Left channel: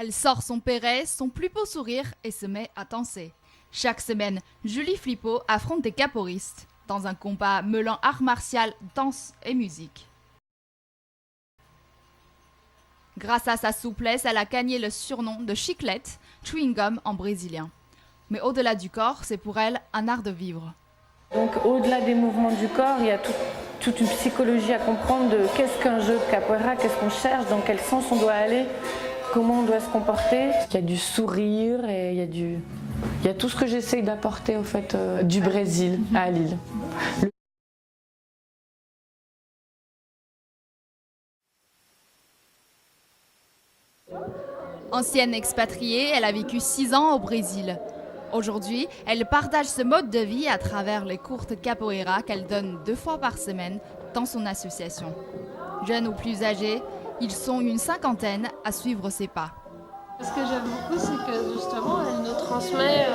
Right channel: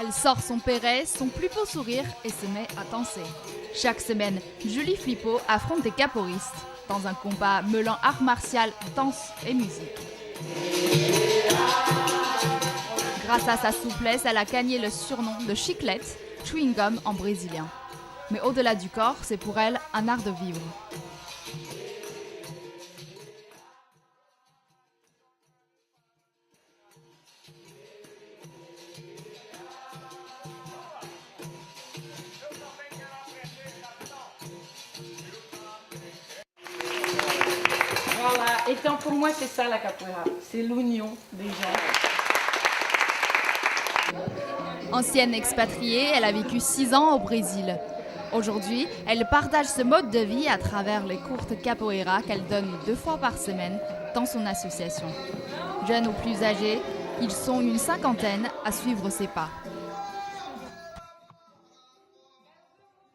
Elle sort son perret, son plus beau sourire et se met à danser. Chaque semaine, Julie Flippo affronte des capoeiristes dans un combat mêlant art martial, danse et musique. Grâce à sa souplesse, elle a gagné le surnom de chiclette, chewing gum en brésilien. Mais au-delà du corps, c'est pour elle un art de vivre. Donc au-delà des mouvements du corps, il y a toute une psychologie à comprendre de qu'est-ce qu'un jeu de capoeira, qu'est-ce qu'on cherche, dans quel sens on doit aller, comment on doit se comporter. Il y a du sourire et il y a tout ce que j'essaye d'apporter au fait du Brésil à Lille. Voilà, et tant pour moi c'est ça la capoeira, c'est l'union des gens. Ancienne expatriée, elle a vécu 6 ans au Brésil. Aujourd'hui, elle partage ce mode de vie à travers les cours de capoeira qu'elle donne 2 fois par semaine dans son association. Jeunes ou plus âgés, ils sont une cinquantaine à suivre ses pas. Ce que j'aime beaucoup, c'est que justement, elle nous transmet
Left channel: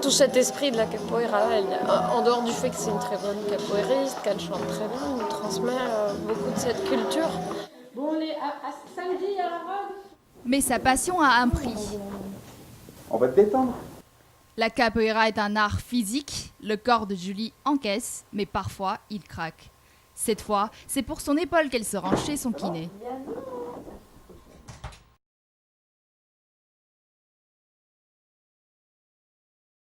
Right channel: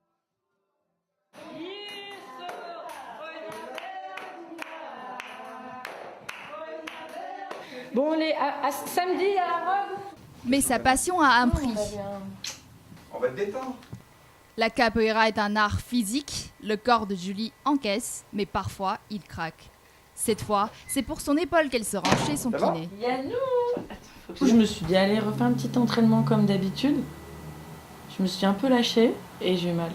tout cet esprit de la capoeira. En dehors du fait que c'est une très bonne capoeiriste, qu'elle chante très bien, elle nous transmet beaucoup de cette culture. Bon, à samedi à la robe. Mais sa passion a un prix. On va te détendre. La capoeira est un art physique, le corps de Julie encaisse, mais parfois il craque. Cette fois, c'est pour son épaule qu'elle se rend chez son kiné. Je me suis dit, allez, refais un petit entraînement comme d'habitude. Je me suis un peu lâchée et j'ai eu mal.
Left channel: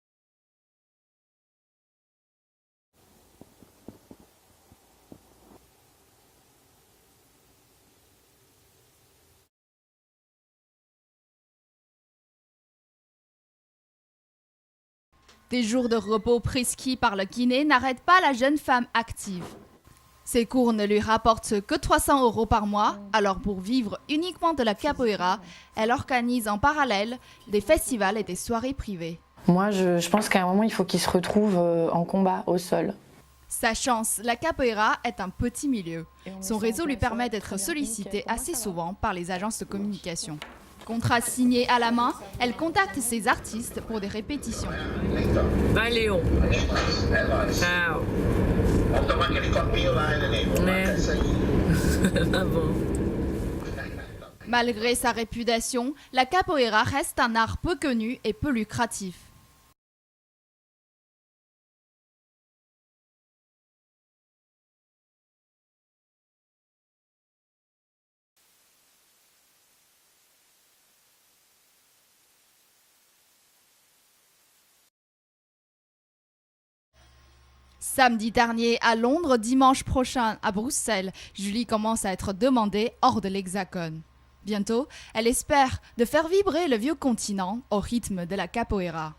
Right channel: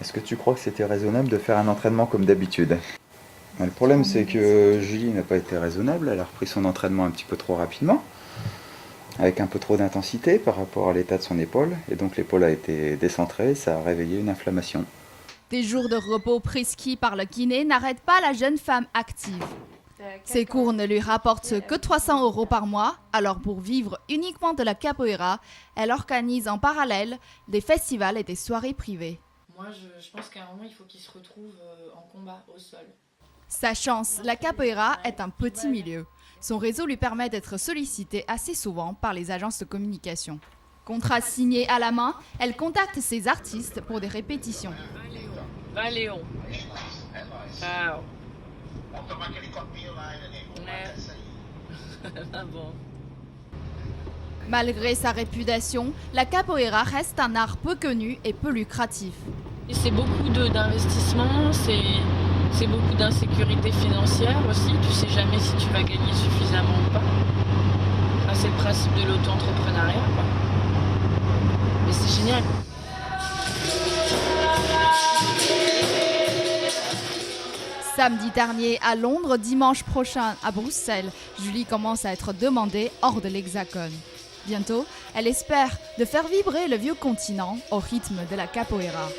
Est-ce que tu crois que c'était raisonnable de faire un entraînement comme d'habitude ? Le problème, c'est que Julie n'a pas été raisonnable. Elle a repris son entraînement un petit peu trop rapidement, avec un peu trop d'intensité par rapport à l'état de son épaule. Et donc l'épaule a été décentrée, ça a réveillé une inflammation. Des jours de repos prescrits par le kiné n'arrêtent pas la jeune femme active. Ses cours ne lui rapportent que 300 € par mois, alors pour vivre uniquement de la capoeira, elle organise en parallèle des festivals et des soirées privées. Moi, je pense qu'à un moment, il faut qu'il se retrouve en combat au sol. Sa chance, la capoeira est un petit milieu. Son réseau lui permet d'être sollicité assez souvent par les agences de communication. Contrat signé à la main, elle contacte ses artistes pour des répétitions. Valeu. Ciao. Ah bon. Malgré sa réputation, la capoeira reste un art peu connu et peu lucratif. C'est beaucoup d'investissement, c'est beaucoup d'insécurité financière aussi. Tu sais jamais si tu vas gagner suffisamment ou pas. Enfin, c'est le principe de l'auto-entrepreneuriat, quoi. Mais c'est génial. Samedi dernier à Londres, dimanche prochain à Bruxelles, Julie commence à être demandée hors de l'Hexagone. Bientôt, elle espère de faire vibrer le vieux continent au rythme de la capoeira.